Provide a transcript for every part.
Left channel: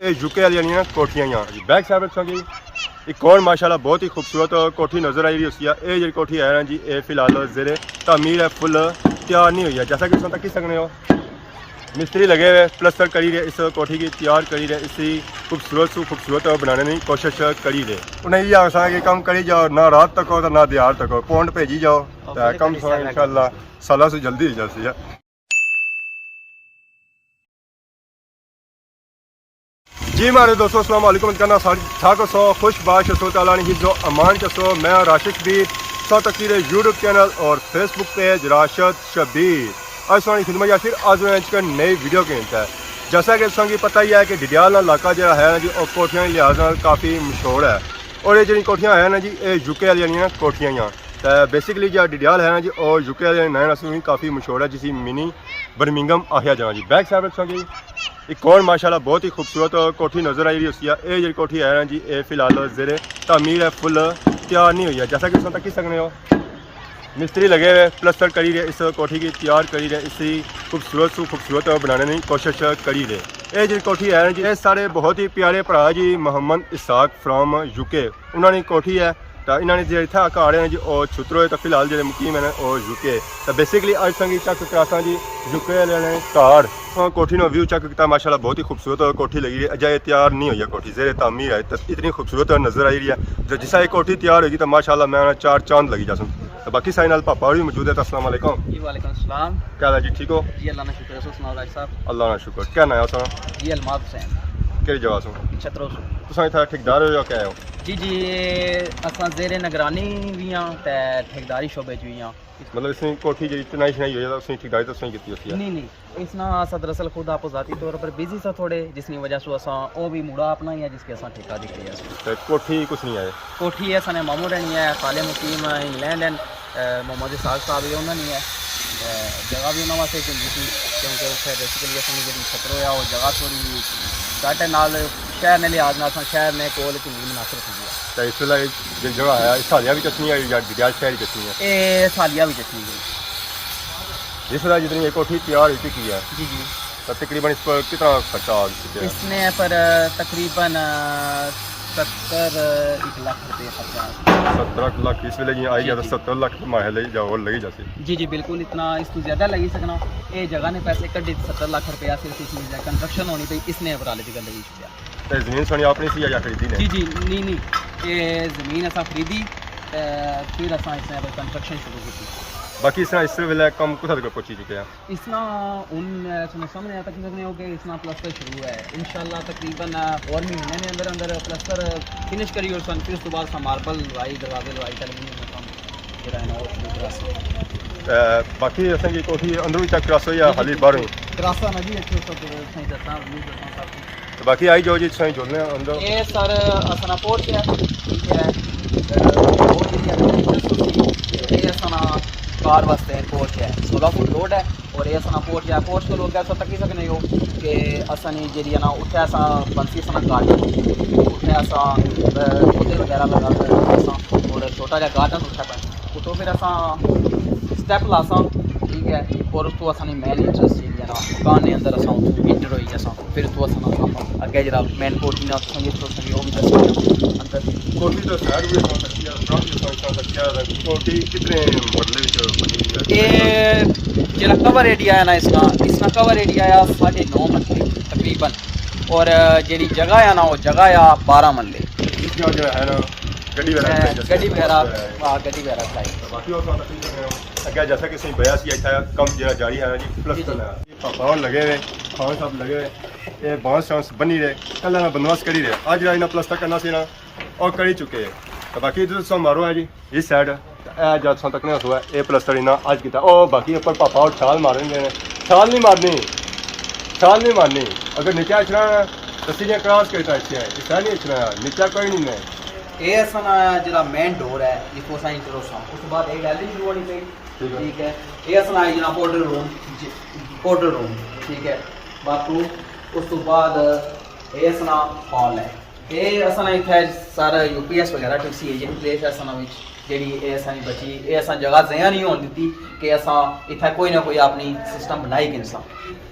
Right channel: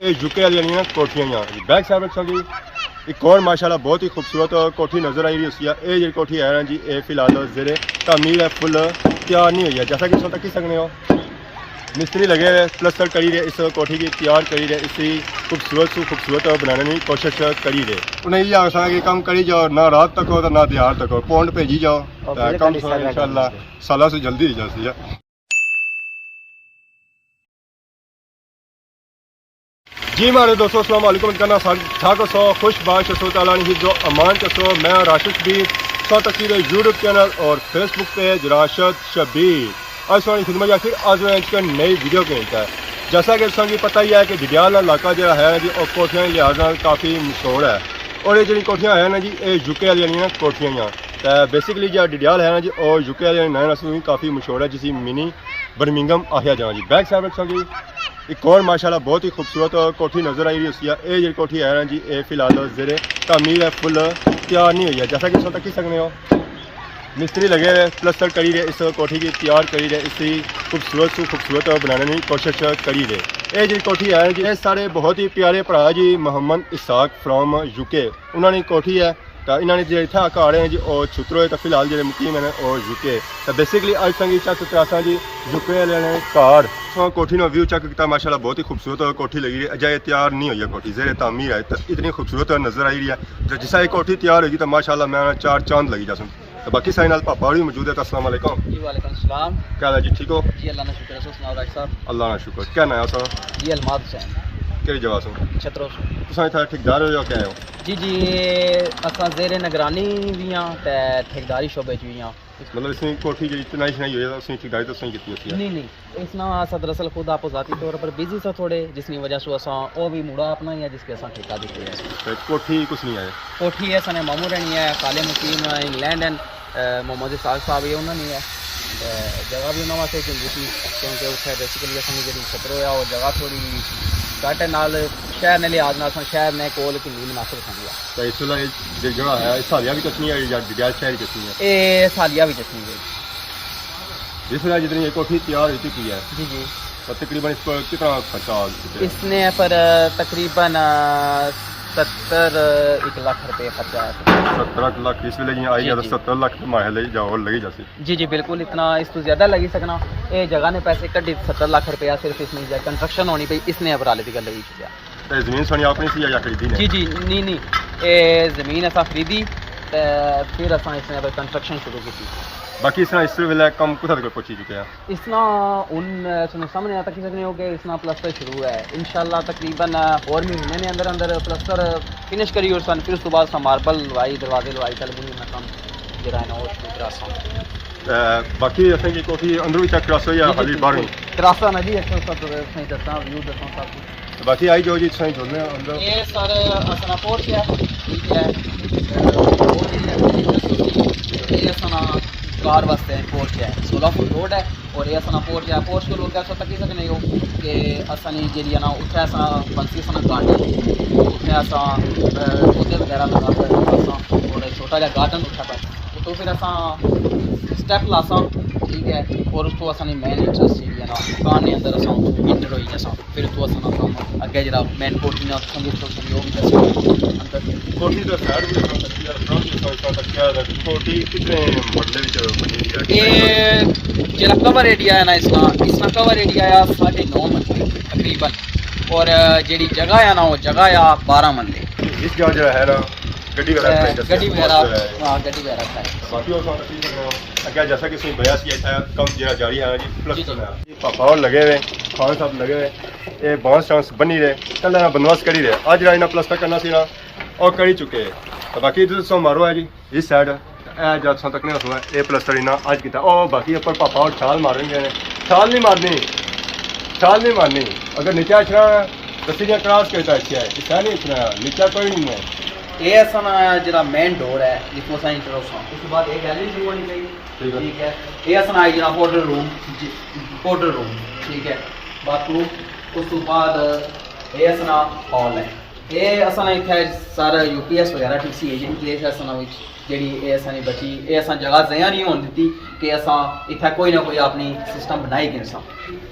ये यूके वाली ना कोठियां यहाँ जी बैक साइड रखोगी एक और माशाल्लाह बहुत ही खूबसूरत कोठी नज़र आई रही है। ये कोठी है ना जी ये फिलहाल जेरे तामीर है, फुल तैयार नहीं हुई है। जैसा कि तक सकते हो मिस्त्री लगे हुए प्लस्तर करी रहे इस कोठी की तैयार करी रहे इसी खूबसूरत बनाने की कोशिश करी रहे। उन्हें ये आसा कि कम करी जाओ ना रात तक हो तो ना दिहाड़ तक हो पौंड भेजी जाओ तो कम सो इंशाल्लाह साल से जल्दी हो जाती है। जी मारे दोस्तों अस्सलाम वालेकुम करना ठाक सो खुश बाश सो ताला हिज़्ज़ो अमान कसो मैं राशिद भी सौ तस्वीर यूट्यूब चैनल और फेसबुक पेज राशिद शबीर आज सोनी खिदमत या फिर आज नई वीडियो के है। जैसा कि संगी पता ही है कि डिडियाल इलाका जो है ना जी और कोठियां के लिहाज काफ़ी मशहूर है और ये जी कोठियां है ना जी ये यूके वाली ना कोठियां यहाँ तो बेसिकली जो डिडियाल है ना जी और यूके वाले नए नस्ल काफ़ी मशहूर है जिसी मिनी बर्मिंघम आखिया जाए जी बैक साइड रखोगी एक और माशाल्लाह बहुत ही खूबसूरत कोठी नज़र आई रही है। ये कोठी है ना जी ये फिलहाल जेरे तामीर है, फुल तैयार नहीं हुई है। जैसा कि तक सकते हो मिस्त्री लगे हुए प्लस्तर करी रहे इस कोठी की तैयार करी रहे इसी खूबसूरत बनाने की कोशिश करी रहे। ये जी कोठी है जी सारे बहुत ही प्यारे भरा जी मोहम्मद इसाक फ्राम यूके उन्होंने कोठी है तो इन्होंने जो इतना घर है जी और छुत्रो तो फिलहाल जो मुकीम है और यूके तो बेसिकली अज संगी चक करासा जी यूके वाले घर कोठी नो व्यू चेक किया माशाल्लाह बहुत ही खूबसूरत कोठी लगी है। अजय तैयार नहीं हुई है कोठी जेरे तामीर है तो इतनी खूबसूरत नज़र आई रही है। तो जिस ये कोठी तैयार होगी तो माशाल्लाह मैं चार चांद लगी जासूँ। तो बाकी साइन नाल पापा भी मौजूद है। तो अस्सलाम वालेकुम। जी वालेकुम सलाम। क्या हाल है जी ठीक हो जी अल्लाह का शुक्र है। सुनाओ राज साहब। अल्लाह का शुक्र। क्या नाम है सर? जी अलमाद हुसैन केड़ी जगह सो छतरो सो तुम इतना ठेकेदार हो या क्या हो? जी असा जेरे निगरानी भी हाँ ते ठेकेदारी शोबे भी हाँ मतलब इसमें कोठी जी चनाई शनाई हुई है तो उसमें ठेकेदारी तो सही की है नहीं इसना असा दरअसल खुद आप ज़ाती तौर पर बिजी सा थोड़े जिसकी वजह से असा वो भी मुड़ा अपना ही है जिसके असा ठेका दी है। तो कोठी कुछ नहीं आया कोठी है सने मामू रहनी है खाले मुकीम इंग्लैंड एंड मोहम्मद इसाक साहब ये उन्होंने है जगह भी उन्होंने वास्ते चंगी थी क्योंकि उत्थे बेसिकली असनी जी छतरो है वो जगह थोड़ी घट नाल शहर ने लिहाज नाल शहर ने कोल चंगी मुनासिब समझी है। तो इस वेले जो जगह है सालिया भी चटनी है या डिडियाल शहर चटनी है? ये सालिया भी चटनी गई जिस वेले जितनी ये कोठी तैयार हुई की है जी तो तकरीबन इस पर कितना खर्चा आ गया? इसने पर तकरीबन 70 लाख रुपये खर्चा 70 लाख इस वेले आई है तो 70 लाख माहे ले जाओ लगी जासी। जी बिल्कुल इतना इस तो ज़्यादा लगी सकना ये जगह ने पैसे कड्ढे 70 लाख रुपया सिर्फ इसमें कंस्ट्रक्शन होनी पई इसने अबराले की गल लगी तो ज़मीन सोनी अपनी सी या खरीदी ने? जी नहीं ये ज़मीन असा खरीदी फिर असा इसने कंस्ट्रक्शन शुरू की। बाकी इसना इस वेले कम कुछ तक पहुंच चुके हैं? इसना उन सुने सामने आता कि हो गए इसना प्लस्तर शुरू है इंशाल्लाह तकरीबन और महीने ने अंदर प्लस्तर फिनिश करी और फिर उसके बाद मार्बल लवाई दरवाजे लवाई एलुमिनियम काम जरा है ना और शुरू करासा। बाकी असें की कोठी अंदर भी चेक करासो या खाली बाहर करासा ना जी अच्छा सब सही दसा व्यू दसा सब कुछ। बाकी आई जो जी सही जोड़ने अंदर ये सर असना पोर्च है ठीक है और ये असना कार वास्ते पोर्च है 16 फुट रोड है और ये असना पोर्च है पोर्च को लोग कैसे तक सकने हो कि असनी जी ना उत्थे असा बंसी असना गार्डन उत्थे असा पौधे वगैरह लगा कर असा थोड़े छोटा जहा गार्डन उत्थे पे उतो फिर असा स्टैप लासा ठीक है और उसको असनी मेन इंटरेस्ट जी ना दुकान के अंदर असा इंटर होई असा फिर उसको असना काम अगे जरा मेन कोठी ने संगीत तो संगीत वो भी दस अंदर कोठी तो साइड भी हम तक यार फ्रंट तो तक क्या कोठी कितने मॉडल विच बनी रही है? ये जरा कवर एरिया है ना इसना कवर एरिया है 9.5 मरले तकरीबन और जी जगह है ना वो जगह है 12 मरले। इस जगह जो है ना गड्डी वगैरह बाकी और तकलीफ कर रहे हो अगर जैसा कि सही बया सी था कम जरा जारी है जी प्लस पापा और लगे हुए खान साहब लगे हुए ये बांस चांस बनी रहे कल ना बंदोबस्त करी रहे आज जरा इन्हें प्लस तक करना सी ना और करी चुके हैं। तो बाकी इधर सो मारो है जी इस साइड जब सो तक नहीं हुआ ये प्लस्तर इन्हें आज किया और बाकी कोई पापा और ख्याल मारेंगे ख्याल नहीं मारनी अगर नीचा इतना तो सीढ़ियाँ क्रॉस करता अच्छा है इतना नहीं इतना नीचा कोई नहीं है। ये असना जरा मेन डोर है जिसको असा इंटर होसा उसके बाद एक गैलरी शुरू होनी पई ठीक है ये असना जरा पाउडर रूम ठीक है बाथरूम उसके बाद ये असना हॉल है ये असना इत्थे सारा यूपीएस वगैरह टीसी एजेंट प्लेस है असना विच जेडी ये असनी बची ये असा जगह जया नहीं होने दी कि असा इत्थे कोई ना कोई अपनी सिस्टम बनाई गिनसा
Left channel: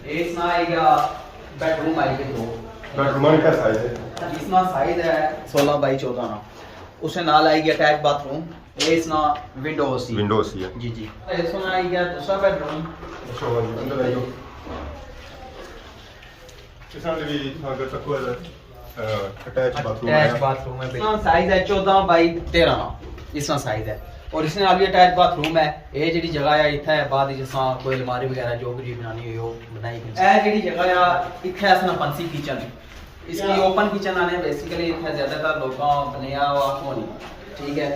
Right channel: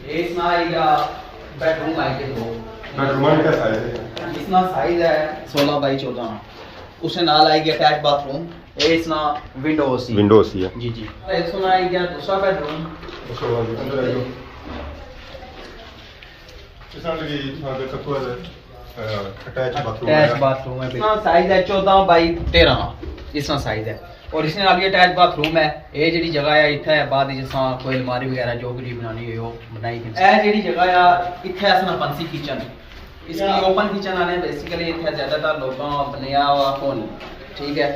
ये इसना आएगा बेडरूम आएगा दो बेडरूम का साइज है इसना साइज है 16 बाई 14 ना। उससे नाल आएगी अटैच बाथरूम, ये इसना विंडो सी है जी जी। इसमें आएगा दूसरा बेडरूम। अच्छा जी अंदर आइए। इसमें भी अगर तक कोई अटैच बाथरूम है। इसका साइज है 14 बाई 13 ना। इसका साइज है और इसने आगे अटैच बाथरूम है। ये जी जगह है इतना है बाद जिसा कोई अलमारी वगैरह जो कुछ बनानी है वो बनाई गई है। जी जगह है इतना इसना फंसी किचन, इसकी ओपन किचन आने बेसिकली इतना ज्यादातर लोगों बनाया हुआ कौन नहीं, ठीक है।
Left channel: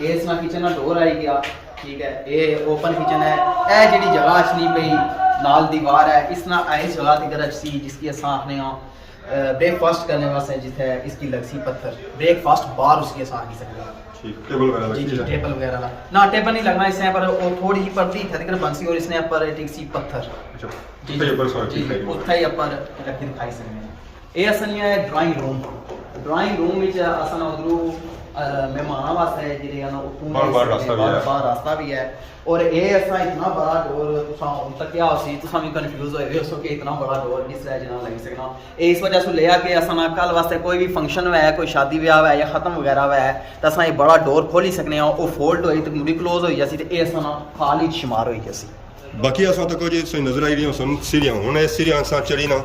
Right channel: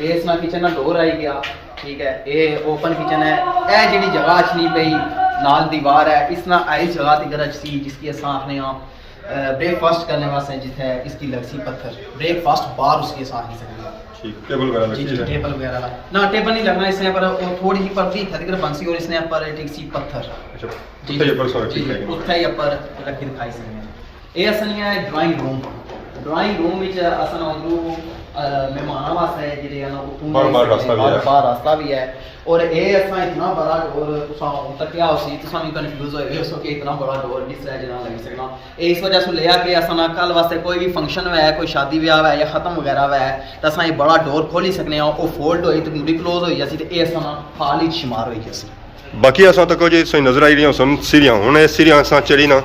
ये इसमें किचन का डोर आई गया, ठीक है। ये ओपन किचन है। यह जी जगह अच्छी पई नाल दीवार है, इसना इस जगह की गरज सी जिसकी अस आखने ब्रेकफास्ट करने वास्ते जिथे इसकी लगसी पत्थर ब्रेकफास्ट बाहर उसकी अस आखी सकते ठीक। टेबल वगैरह लगी है? टेबल वगैरह ना टेबल नहीं लगना इसने पर थोड़ी ही परती खरीद बंसी और इसने पर एक सी पत्थर अच्छा उत्थे ऊपर सो ठीक है उत्थे ही ऊपर लगी दिखाई सकते हैं। ये असली है ड्राइंग रूम विच असन उधरू मेहमाना वास्ते जेडे है ना उतों बाहर रास्ता भी है। और ये असा इतना बड़ा डोर तुसा हुन तक क्या होसी तुसा भी कंफ्यूज होए हो कि इतना बड़ा डोर जिस तरह जना लगी सकना। इस वजह से लिया कि असा कल वास्ते कोई भी फंक्शन है कोई शादी ब्याह है या खत्म वगैरह है तो असा ये बड़ा डोर खोली सकने वो फोल्ड होई तो मुड़ी क्लोज होई जासी ते असा हाल ही शुमार होई जासी। बाकी असां तक जो सही नजर आई रही सन सीढ़ियां हुन ये सीढ़ियां असां चढ़ी ना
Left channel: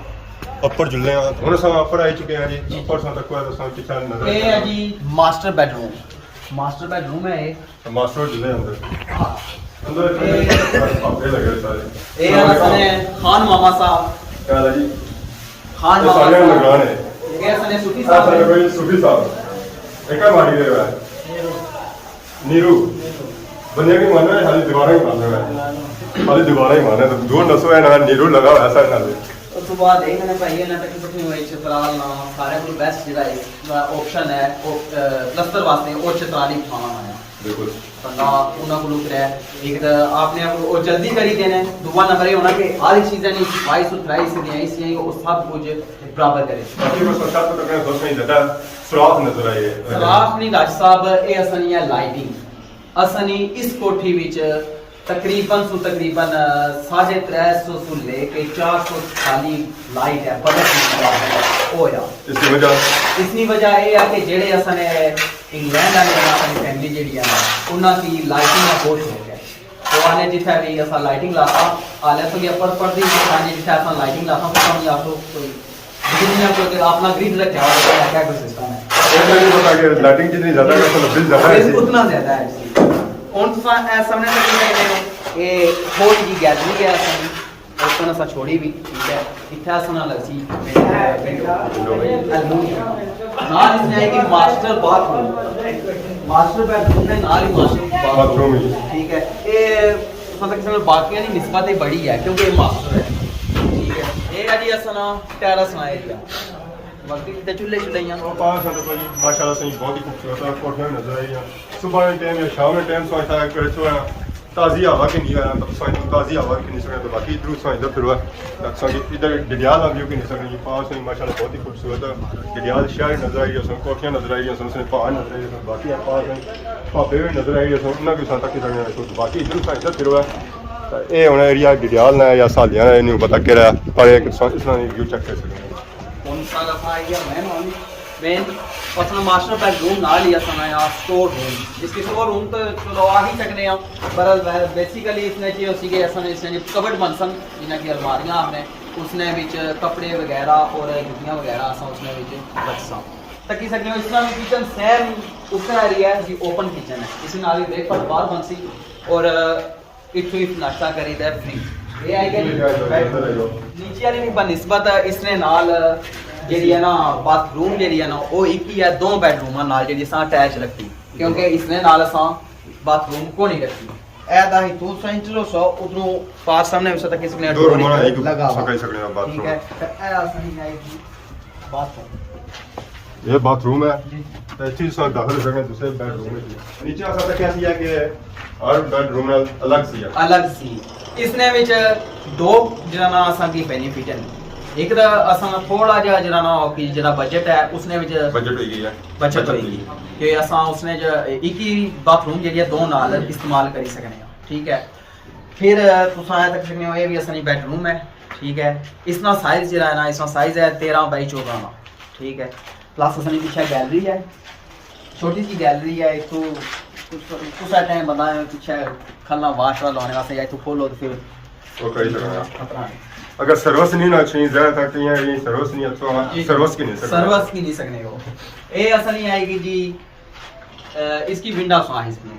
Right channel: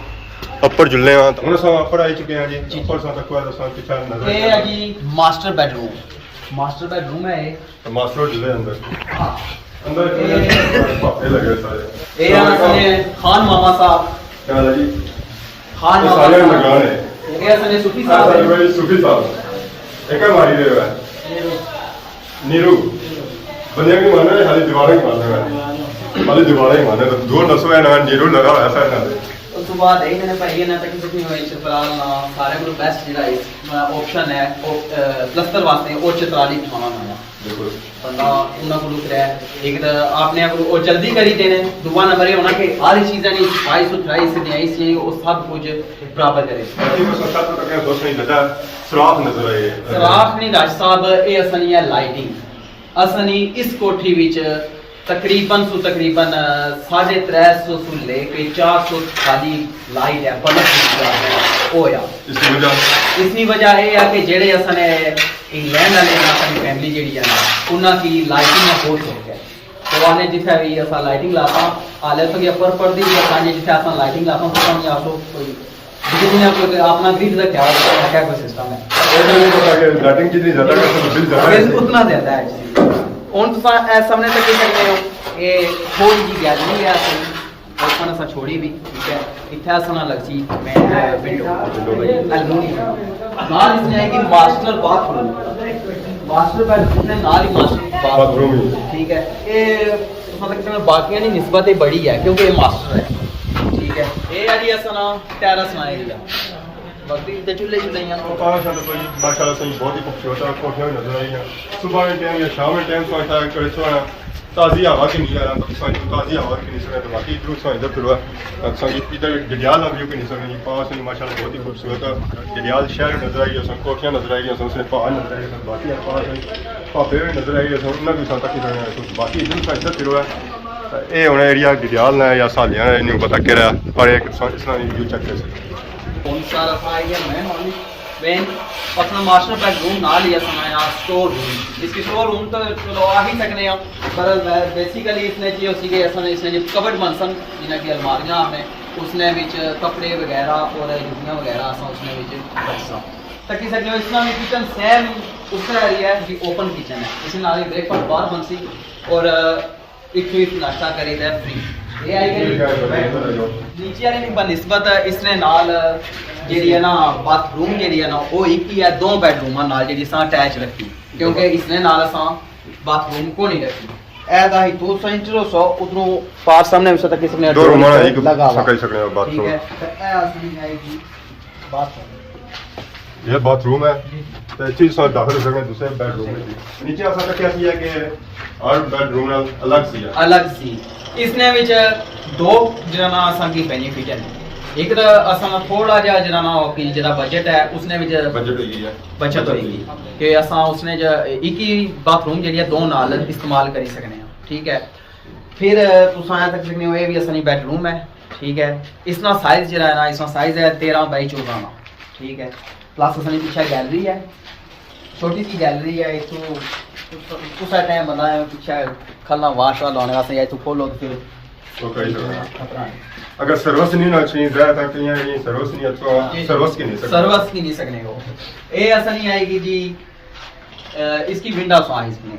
अपर जुल्ले हां हुन असां अपर आई चुके हैं जी। ऊपर सा तक असां पीछे नजर ये है जी मास्टर बेडरूम है ये। मास्टर जुल्ले अंदर हां अंदर पापे लगे सारे। ये असने खान मामा साहब क्या है जी? खान ये मामा सारे साहब निगरान है। ये असने सूफी सारे साहब है। भाई सूफी साहब एक मारी गए है नीरू बंदे भी मानो है खाली दीवारें ही मानो है खाली दीवारें ही मानो है दो नसो है ना नीरू लगा हुआ है सर खाली। ਉਸ ਤੋਂ ਬਾਅਦ ਇਹ ਮੈंने ਭਾਈ ਇਹਨਾਂ ਤੱਕ ਕਿਤੇ ਹੋਈ ਫਿਲਹਾਲ ਨਾ ਸਾਰੇ ਕੋਲ ਬੈਸਟ ਜਿਹੜਾ ਇਸ ਆਪਸ਼ਨ ਹੈ ਉਹ ਪਲਸਤਰ ਵਾਸਤੇ ਉਹ 44 ਬਿਠਾਉਣਾ ਆਇਆ बिल्कुल ਬੰਦਾ ਉਹਨਾਂ ਕੋਲ ਕਰਿਆ ਇੱਕ ਤਾਂ ਆਪਨੇ ਆਪ ਉਹ ਜਲਦੀ ਕਰੀ ਦੇਣੇ ਦੂਆ ਨੰਬਰ ਇਹ ਹੋਣਾ ਕਿ ਸਾਰੀ ਚੀਜ਼ਾਂ ਨਹੀਂ 2223 से आई सी वो सब कुछ बराबर करे। बाकी बस अच्छा तो तक बस नहीं ज्यादा सुराख नजर आई है सराफ नहीं राज साहब ये असनी है लाइटिंग असनी इस कोठी विच तकरीबन 350 से लेके 400 खाली लाइट है बल्ब होया। इसकी वजह ये है कि जेड़े असने इंग्लैंड वाले अपनी फैमिली जेड़ी है ना उन्हां की लाइटिंग का बहुत शौक है तो आने जिथे भी असा लाइटिंग लाता आले तो अपर पर्दी सांजे जिथे असा लाइटिंग लाता तो हम आप लोग कोई दुनिया को अपना ग्रिड रखा हुआ क्या कोई सिस्टम है ऐसा नहीं पता कि लाइटिंग जितनी ज्यादा का तो बिल ज्यादा है उतना ज्यादा है। ਹੁਣ ਤੁਸੀਂ ਸਾਹਮਣੇ ਤੇ ਕੀ ਕਹਿੰਦੇ ਹੋ ਇਹ ਥੋੜੀ ਜੀ ਗੈਲਰੀ ਹੈ ਆਪਾਂ ਅਸਾਂ ਛੋੜੀ ਵੀ ਠੀਕ ਹੈ ਇੱਥੇ ਅਸਾਂ ਨਾਲ ਲੱਗ ਸੀ ਵਿੰਡੋ ਐਲੂਮੀਨੀਅਮ ਨਾਲ ਇਸ ਆਏਗੀ ਮਾਸਟਰ ਬਾਥਰੂਮ ਮਾਸਟਰ ਬੈਡਰੂਮ ਨੇ ਨਾਲ ਹੀ ਮਾਸਟਰ ਬਾਥਰੂਮ ठीक है ये तुम तक बाकियां की निस्बत बड़ी है क्योंकि ये मास्टर है ठीक है। ये है जी असां टेरेस ना एरिया वक्ती ते चूल्हे चुल्हियां और पास वाले कोई माशाल्लाह सही बहुत ही खूबसूरत और कोठियां नजर आई हैं सुबह के टाइम या शाम के टाइम सो ऐसा करे सो ताज़ी हवा की नहीं आया तब साइंस ताज़ी हवा की नहीं सकते तो बाकी इधर सो इधर फिर तक इधर जडियाल व्यू की नहीं सकते जी पास में माशाल्लाह बहुत ही खूबसूरत जडियाल शहर नजर आई है कोठियां नजर आई है उसने पहाड़ नजर आई है बाकी पास में भापे भी नजर आई है उन्होंने भी तक ही बाकी इधर सो इधर फिर ये हूँ एरिया जडियाल है या सालियां नहीं पता कह रहा पर एक इसमें व्यू चेक कर सकते कौन सा रखा है मैन ओनली मैन अपना मास्टर बेडरूम ना लिया सुनाया स्टोर रूम इसकी स्टोर रूम तो चलो आ ही सकने हैं पर बेसिकली इसने चाहिए उसी के ऐसा इसने जो कबर्ड बन सन जिन्हें की अलमारियां हमने उसने विच कपड़े वगैरह और जुतियां वगैरह असा उसने विच रख सा तकी सकने इसमें भी किचन सेम उसका एरिया है जी ओपन किचन है इसमें नाली ब्रेकफास्ट बाहर बन सी और इतनी नाश्ता करी दे फ्री ये आई के नीचे वाली भी बनिस्बत इसने नाल जेडी है ना बाथरूम जेडी है ना वो एक ही है दो बेडरूम नाल जेडी सा अटैच रखी क्योंकि इसने नाल सा बाथरूम को नहीं रखी ऐदा ही तो सेंटर सो उधरों पार सामने में तक इसने दो रूम है एक लगा सकल सकल बाथरूम ठीक है तो ऐसा सही आएगी बाथरूम ये बाथरूम है तो चीज सो दाखिल सकने दूसरे बेडरूम में नीचे आ सकता क्या है कि हर बेडरूम अलग सी इसने विच दो जना असा की बेनिफिट है एक तो असा थोड़ा जा जना ना कि जरा बजट है उसने विच बचत होगी कि असा उसने एक ही बाथरूम जेडी दो नाल इस्तेमाल करी सकने ठीक है। फिर तुम तक सकने हो ये भी असनी बेडरूम है ठीक है। इसका साइज जरा है ना इसका साइज है 13 बाई 14 ना ठीक है। प्लस असली पीछे गैलरी है, छोटी सी गैलरी है। इतू कुछ टाइम बंदा है पीछे खलना वाश लाने वास्ते या इतू खोलो तो फिर तो कई तरह अगर सर्विस नहीं ना चाहिए ज्यादा तक ये सर्विस नहीं अच्छा सर्विस की नहीं सकते सर्विस की नहीं सकने को ये असली आएगी जी। इसकी विंडो साइज में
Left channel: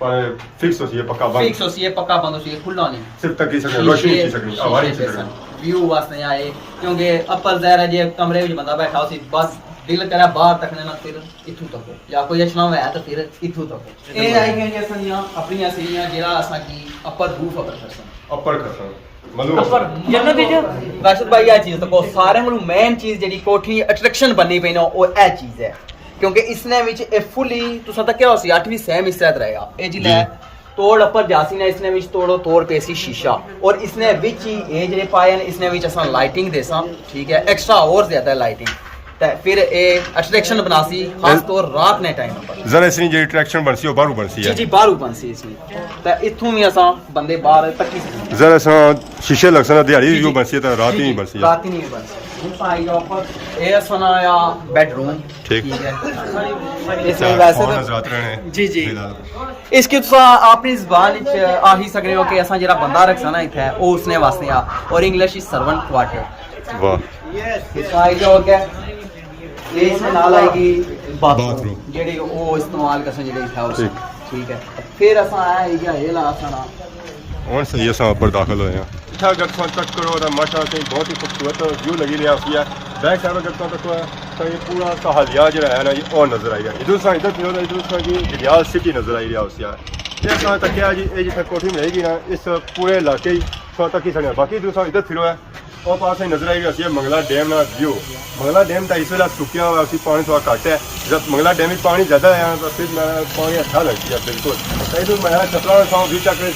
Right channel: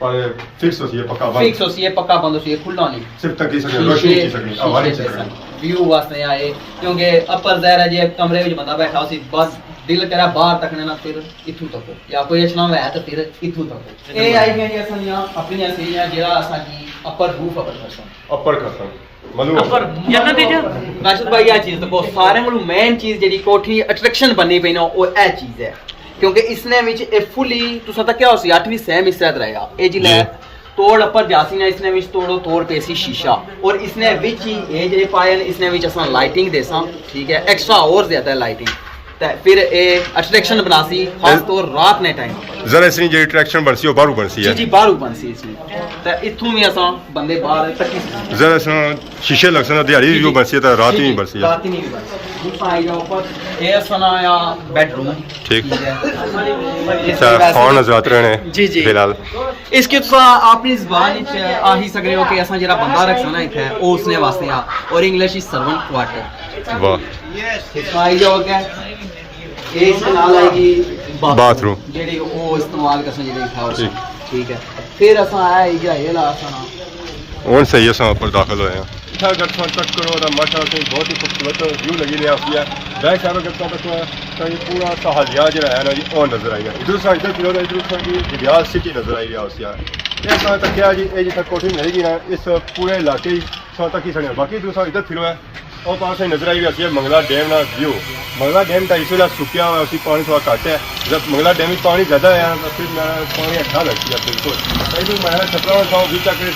पर फिक्स होती है पक्का बंद फिक्स होती है पक्का बंद होती है, खुला नहीं सिर्फ तक की सकते रोशनी की सकनी हवा नहीं सकनी व्यू वास्ते आए क्योंकि अपर ज़ाहिर है जे कमरे में बंदा बैठा उसी बस दिल करा बाहर तकने ना फिर इथू तको या कोई अचना है तो फिर इथू तको ये आई गई असलियां अपनी सीढ़ियां जेड़ा असा की अपर रूफ अपर खसम मलू राशिद भाई ये चीज देखो सारे कोल मेन चीज जेडी कोठी अट्रैक्शन बननी पई ना वो ए चीज है क्योंकि इसने विच ए फुली तुसा तक क्या होसी 8वीं सेम हिस्सा रहेगा ए जिले तोड़ अपर जासी ना इसने विच तोड़ो तोड़ पेसी शीशा और इसने विच ही ए जे पायन इसने विच असा लाइटिंग देसा ठीक है एक्स्ट्रा और ज्यादा लाइटिंग ते फिर ए अट्रैक्शन बनासी खास तौर रात ने टाइम पर जरा इसनी जे अट्रैक्शन बनसी ओ बारू बनसी है जी जी बारू बनसी इसमें ते इथू भी असा बंदे बाहर तक जरा सा शीशे लगसन दिहाड़ी व्यू बनसी तो रात ही नहीं बनसी रात ही नहीं बनसी आई जाओ पर ये सनाया बेडरूम ठीक है अच्छा फोन नजर रहने जी जी फिलहाल इसकी तो अपनी जुबान विच आ ही सकने हो कि असा जेड़ा बंदा रखसा ना इथे ओ उसने वास्ते आ और इंग्लिश इज सर्वेंट क्वार्टर वाह आई जाओ के ये इसके नाल आएगी बाथरूम जेडी ओ इस्तेमाल करसा जेडी था उस ठीक है। फिर असा आएगा ये ला सना और सही है सा ऊपर दाखिल होए हैं इधर अगर तुम चेक करो तो माशाल्लाह से बहुत ही खूबसूरत व्यू लगी रहा है बैक साइड अगर तुम देखो तो ये पूरा सहालिया जो है ना ये और नजर आई है इधर की रियाल सिटी नजर आई रहा है ये सा तक क्या जी ये जितना कोठी में रहेगी ना इस पूरे इलाके सा तक ही सड़े बाकी दूसरा इधर फिरो है और पास ही नजर आई रही है मंगला डैम ना व्यू मंगला डैम का इस वेला सुखिया हुआ उसी पानी थोड़ा घट है जब मंगला डैम में पानी ज़्यादा है तो फिर मैं पानी अच्छा लगती है बिल्कुल तो मैं छपरा था भी चक्कर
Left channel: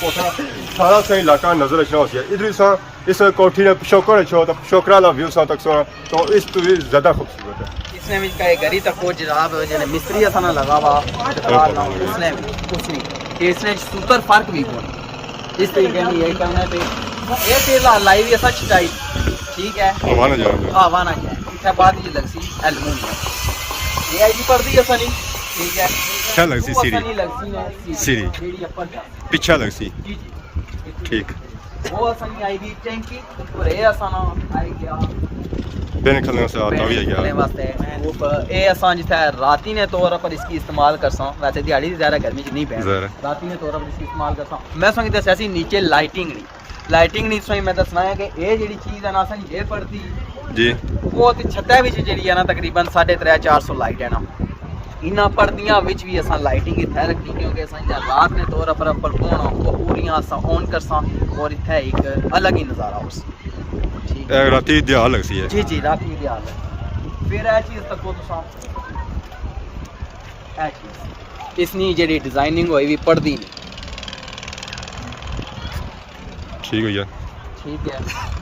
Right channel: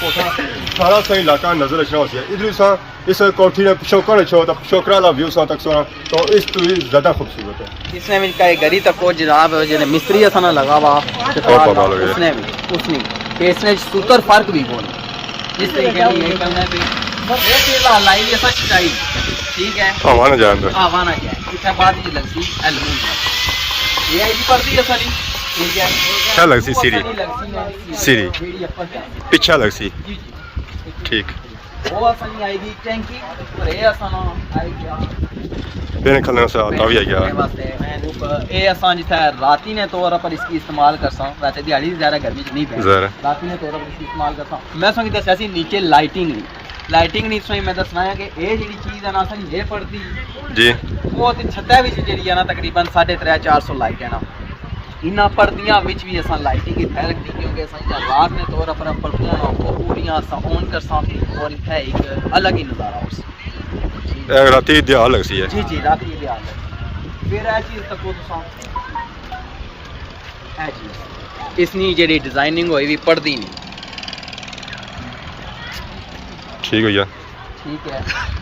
कोठा सारा सही इलाका नजर अच्छा होती है इधर सा इस कोठी ने पिछोकर अच्छो तो पिछोकरा ला व्यू सा तक सोना तो इस तो ज़्यादा खूबसूरत है इसने भी का गरी तक को जनाब जने मिस्त्री असना लगा हुआ और पता लगे इसने सूतर फर्क भी कौन इस तरीके से यही करना है ये केला लाइव ऐसा छिटाई ठीक है आवाना जाए अंदर आवाना क्या है इसके बाद ये लगसी एलिमेंट ये आईडी पड़ती है सारी ठीक है क्या लगसी सीरी पीछे लगसी ठीक वो असली आएगी टैंकी और ये असना आएगा बेने खलने से आता भी आ गया वास्ते ये असा जिथे राती ने तौर पर इसकी इस्तेमाल करसा वैसे दिहाड़ी ज़्यादा गर्मी च नहीं पै राती ने तौर पर इसकी इस्तेमाल करसा मैं संग दस्या सी नीचे लाइटिंग नहीं सही मैं दसना है कि ये जेडी चीज है ना असन ये पड़ती जी वो ते छत्ता विच जेडी है ना तकरीबन 350-400 लाइट है ना इना पर्दियां विच भी असा लाइटिंग इथे रखनी क्योंकि असा रात ने तौर पर होना वो पूरियां असा ऑन करसा और इथे एक अलग ही नज़ारा उस राती दिहाड़ लगती है जी जी राती दिहाड़ लगती फिर ए चीज तक तुसा ए चीज इसनी जेडी डिजाइनिंग होई भी पड़दी नहीं ठीक हो गया ठीक है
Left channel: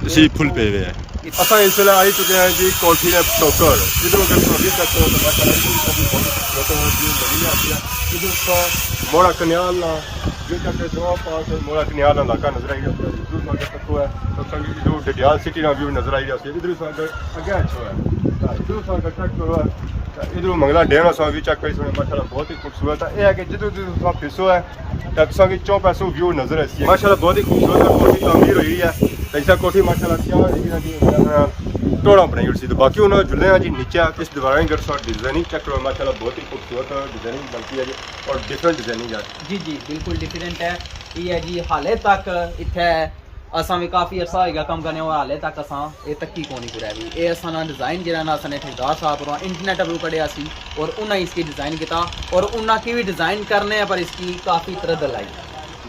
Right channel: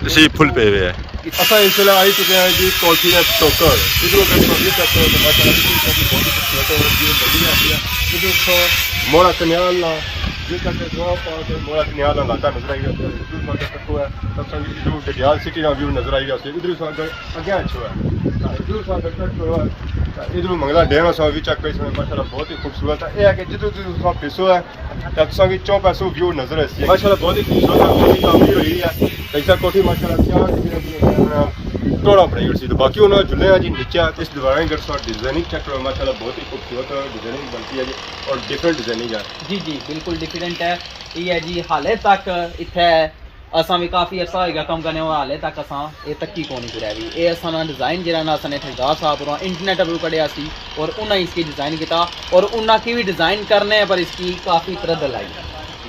इसी फुल पे हुए है असा इस वेला आई चुके हैं जी कोठी ने टोकर इधर का सभी सेक्टर तो माशाल्लाह इसकी की बहुत खूबसूरत व्यू लगी है इधर का मोड़ा कन्याल ना जो तक जो पास है मोड़ा कन्याल इलाका नजर आई रहा है इधर का तक है तो संगी जो गडियाल सिटी ना व्यू नजर आई रहा है इधर से आगे अच्छा है इधर से आगे तक है इधर मंगला डैम सा भी चेक कर माशाल्लाह बहुत ही खूबसूरत है ये है कि जिधर जिधर पिसो है तक संगी चौ पैसों व्यू नजर आती है माशाल्लाह बहुत ही खूबसूरत कोठी तामीर हुई है ऐसा कोठी माशाल्लाह क्या टोड़ा बनाई हुई तो बाकी उन्होंने झुले हैं जी नीचे इस दीवार इधर सा डिजाइनिंग चेक करो माशाल्लाह बहुत ही खूबसूरत डिजाइनिंग बनती है जी और डिफरेंट डिजाइनिंग है जी जी बिल्कुल डिफरेंट है ये है जी हाले तक इतने असा भी काफ़ी अर्सा होगा कम करने हाले तक असा ये तक्की कोनी कुरै भी ये असा ना डिज़ाइन जरा ना असा ने ठेकेदार साहब और इंटरनेट पर कढ़िया सी और उन्हें इसकी डिज़ाइन किया और उन्हें की भी डिज़ाइन करने पर इसकी काफ़ी तरद लाई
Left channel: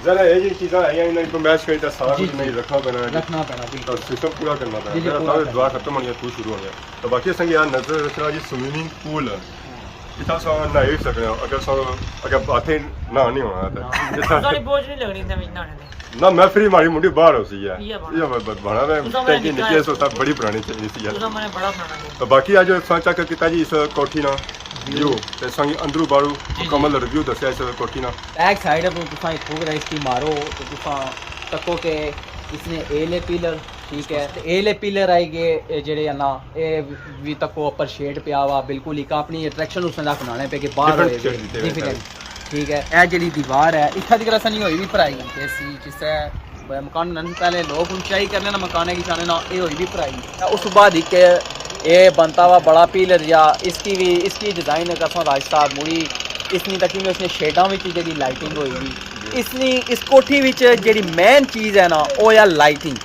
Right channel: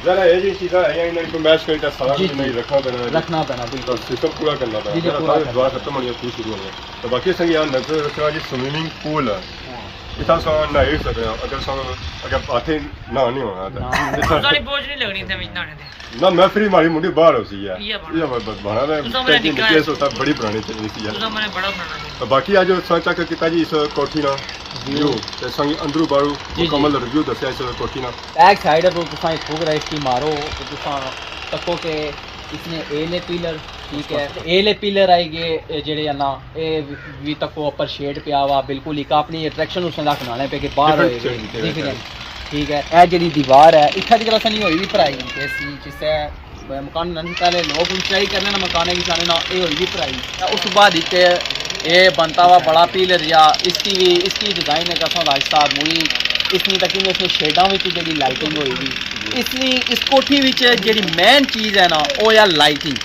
जरा ये जी चीज़ा है इन्हें को मैच करी सारा कुछ नहीं रखना पैना बिल्कुल सिस्टम पूरा करना पैना जरा सारे दुआ खत्म होनी है तू शुरू होनी है तो बाकी संग यार नजर रखना जी स्विमिंग पूल है इतना सा नहा सकते हो अगर हाथे नहा नहीं होना तो बोझ नहीं लगनी थे नहाने दे ना मैं फ्री मारी मुंडी बाहर होती है ये बना रहे टैंकी नीचे से सब बड़ी पुरानी चीज सी है तो बाकी आज सोचा कि किता जी इस कोठी ना व्यू ते संग अंदरू बारू मुकम्मल रिव्यू दसया इस कोठी ना बैक साइड पर तुसा ठोक रहे इसकी मारो तो तुसा तको के इसने एले पिलर ठीक है एले पिलर आएगे जेडे ना ए भी तको ऊपर शेड पे आवा बिल्कुल एक अपनी अट्रैक्शन उसने रख बनाने पे कि बाहर होए डिफरेंट ठीक है ए जेडी दीवार है इत्था दी तरह नहीं होई दी भराई के सी जिससे मकान बनने से पहले लोग ऊंचाई करने ना मकान की जाने ना ये होई दी भराई उस बाद एक ये बनता हुआ बड़ा पिलर या इसकी डिजाइन है कसम राज साहब मुड़ी इसनी तक में उसने शेडां विच जेडी लाइटिंग होई दी इसनी इस कोठी विच जेडी मेन चीज़ है ना वो या लाइटिंग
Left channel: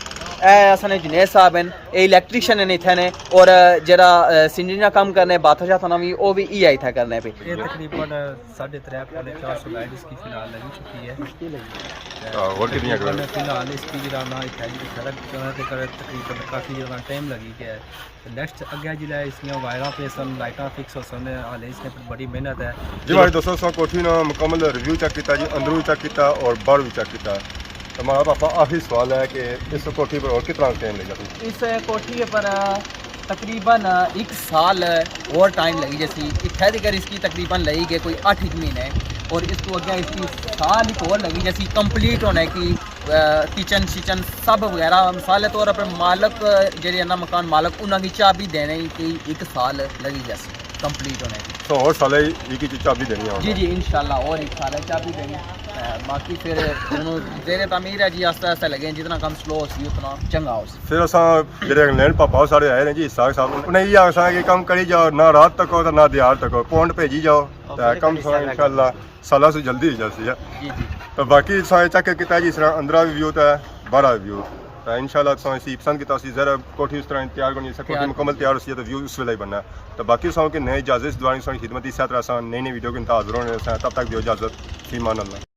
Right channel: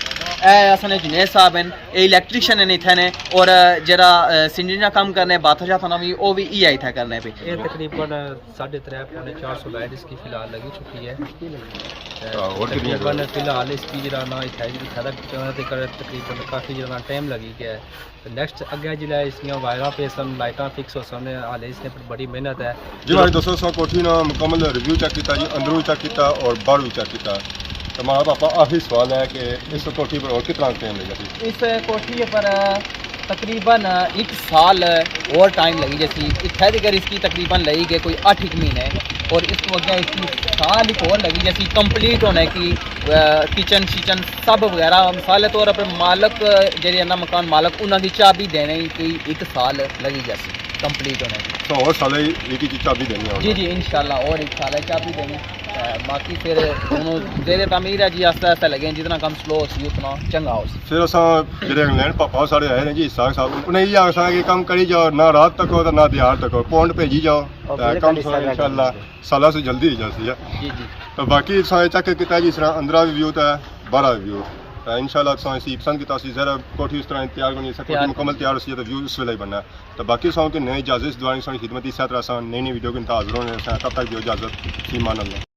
असने जुनेद साहब हैं ये इलेक्ट्रीशियन हैं इत्थे ने और जरा सिंजरी काम करने बाथा जाता ना भी वो भी ई आई था करने पे ये तकरीबन 3.5-400 लाइट इसकी फिलहाल लगी चुकी है और कितनी तकरीबन फिलहाल इसकी जरा ना इठाई तकरीबन काफ़ी जरा टाइम लगी गया है नेक्स्ट अगे जिला इसमें वायरा पे सन लाइटा फिक्स हो सन हाल इसने बड़ी मेहनत है जी हमारे दोस्तों सो कोठी ना मुकम्मल रिव्यू चेक किया जी अंदरू चेक किया और बाहर भी चेक किया तो हमारा पापा आखिरी सवाल है कि इस कोठी पर और कितना टाइम लगेगा इस कोठी पर तकरीबन 1 साल और टाइम लगी जैसी इत्थे दिगर इसकी तकरीबन लगी गई कोई 8 महीने और इसको अगे इसकी साल एक और लगी जैसी कंप्लीट होने की किचन शिचन सब वगैरह मिसाल के तौर पर मालक जेडे ना मकान मालक उन्होंने चाबी देने की 1 साल लगी जैसी कंप्लीट होने की तो और साल एक ही चाबी देनी है जी जी इंशाल्लाह और 1 साल चाबी देंगे बाकी फिर जेरे तमीर है जी आस्ते आस्ते लगे जितना कम स्लो सी उतना चंगा हो फिर असा जेडे इंग्लैंड पापा साढ़े आए हैं जी साग साहब उन्हें ये आसा कि कम करी जाओ ना रात तक हो तो ना दिहाड़ तक हो पौंड भेजी जाओ तो कम सो इंशाल्लाह साल से जल्दी ही जैसी है जी जी तो बाकी सा चेक किया जी इस तरह अंदर व्यू तो है बाहर व्यू तो इंशाल्लाह सो इसी पसंद किया जरा कोठी उस तरह तैयार करनी कोठी मुकम्मल तैयार हो तो व्यू उस वेले ही बनना तो बाकी सो कि नए इजाजत दुआनी सो खिदमत इस तरह नई नई वीडियो के इंतजार हाजिर होने तब तक दियो इजाजत फी मान अल्लाह।